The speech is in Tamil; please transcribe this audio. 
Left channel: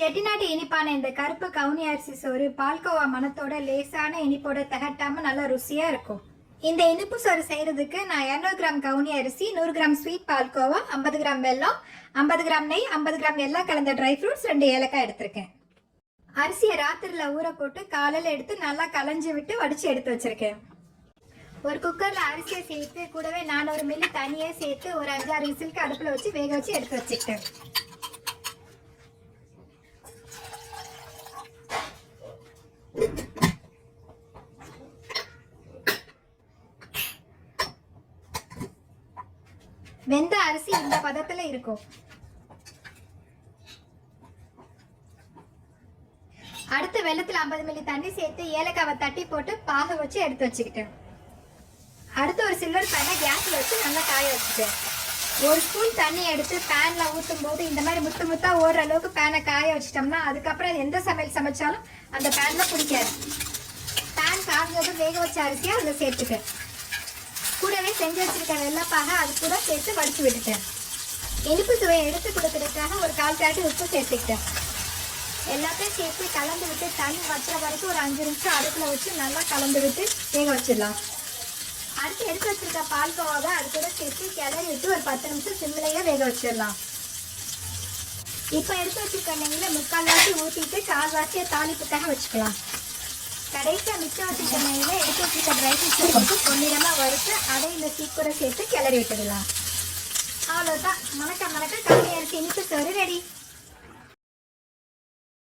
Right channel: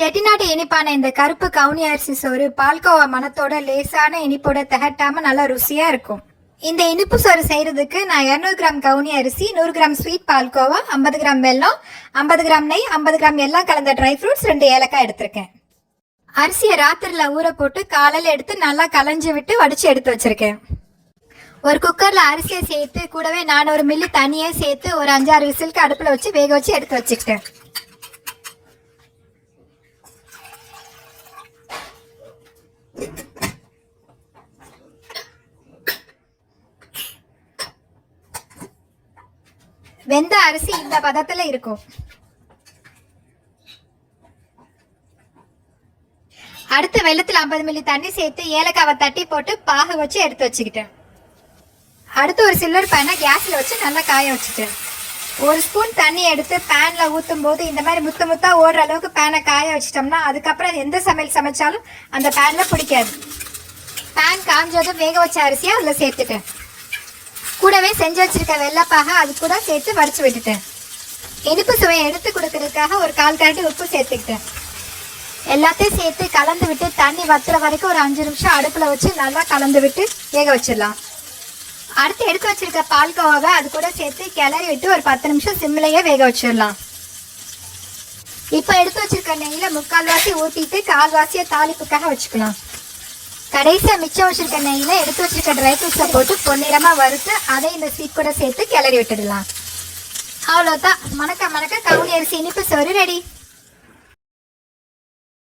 செட்டிநாட்டு இனிப்பான இந்த கருப்பு கவுனி அரிசி சோறு பால்கோவா மணத்தோட லேசான இனிப்போட திகட்டாம நல்லா ருசியா இருக்கும். இந்த இனிப்பு சோறு செய்யறதுக்கு நான் 200 கிராம் கவுனி அரிசி நூறு கிராம் ஸ்வீட் பால்கோவா ஐம்பது கிராம் வெல்லம் ஐம்பது கிராம் நெய் ஐம்பது கிராம் எல்லாம் கலந்த ட்ரை ஃப்ரூட்ஸ் ரெண்டு ஏலக்காய் எடுத்திருக்கேன். அரிசியை ராத்திரில ஊற போட்டு காலையில் எடுத்து நல்லா களைஞ்சி விட்டு வடிச்சு எடுத்து வச்சிருக்கேன். ஒரு குக்கர்ல அரிசியை சேர்த்து கூடவே நானூறு மில்லி தண்ணியை சேர்த்து ஒரு அஞ்சாறு விசிலுக்கு அடுப்புல வச்சு வேக வச்சு எடுத்து வச்சுக்கிட்டேன். வெந்த அரிசி இந்த பதத்துல இருக்கும். அடுத்து வெள்ளத்தில் ஐம்பது மில்லி தண்ணி சேர்த்து ஏலக்காவை தட்டி போட்டு பாகு வச்சு எடுத்து வச்சுக்கிட்டேன் அடுத்து ஒரு சில்லர் பேனை கேஸில் வச்சு நல்லா காய வச்சுட்டேன் ஒரு ஸ்பூன் தண்ணி எடுத்து பேனில் ஊற்றும் போது இந்த மாதிரி முத்து முத்தா ஓடுற அளவுக்கு பேனை காய வச்சிட்டோம்னா அதுக்கப்புறம் எந்த சமையல் சமைச்சாலும் அந்த பேனில் பிடிக்காது. பேன் காஞ்சதும் வேக வச்ச அரிசியை அதில் சேர்த்துட்டேன் கூடவே செஞ்சு வச்சிருக்க வெள்ளைப்பாக அது கூட சேர்த்து வடிச்சு விட்டுட்டேன். இனிப்பு சுவையை எடுத்து கொடுக்கறதுக்காக ஒரு கால் கரண்டி உப்பு சேர்த்துக்கிட்டேன். எல்லாத்தையும் சேர்த்து கலந்து விட்டு தண்ணி வத்துற வரைக்கும் ஒரு அஞ்சு நிமிஷம் அடுப்பில் வச்சு நல்லா கலந்து விட்டு வேக வச்சிடலாம். அடுத்து எடுத்து வச்சிருக்க பால்கோவாவை அது கூட சேர்த்து கிளறி விட்டு ஒரு பத்து நிமிஷம் சிம்மிலேயே வேக வச்சிடலாம். இப்போ எடுத்து வச்சிருக்க முக்கால் முக்கால்வாசி ஊற்றிட்டு கால்வாசியை தாளிப்புக்காக வச்சுக்கலாம். கடைசியா மிச்சம் வச்சிருக்க நெய்யில எடுத்து வச்சிருக்க ட்ரை ஃப்ரூட்ஸை போட்டு பொன்னிறமா வறுத்து அதை இந்த ஸ்வீட் கூட சேர்த்து கிளறி விட்டுடலாம். அவ்வளோதான் மணக்க மணக்க கவுனி அரிசி இனிப்பு சோறு ரெடி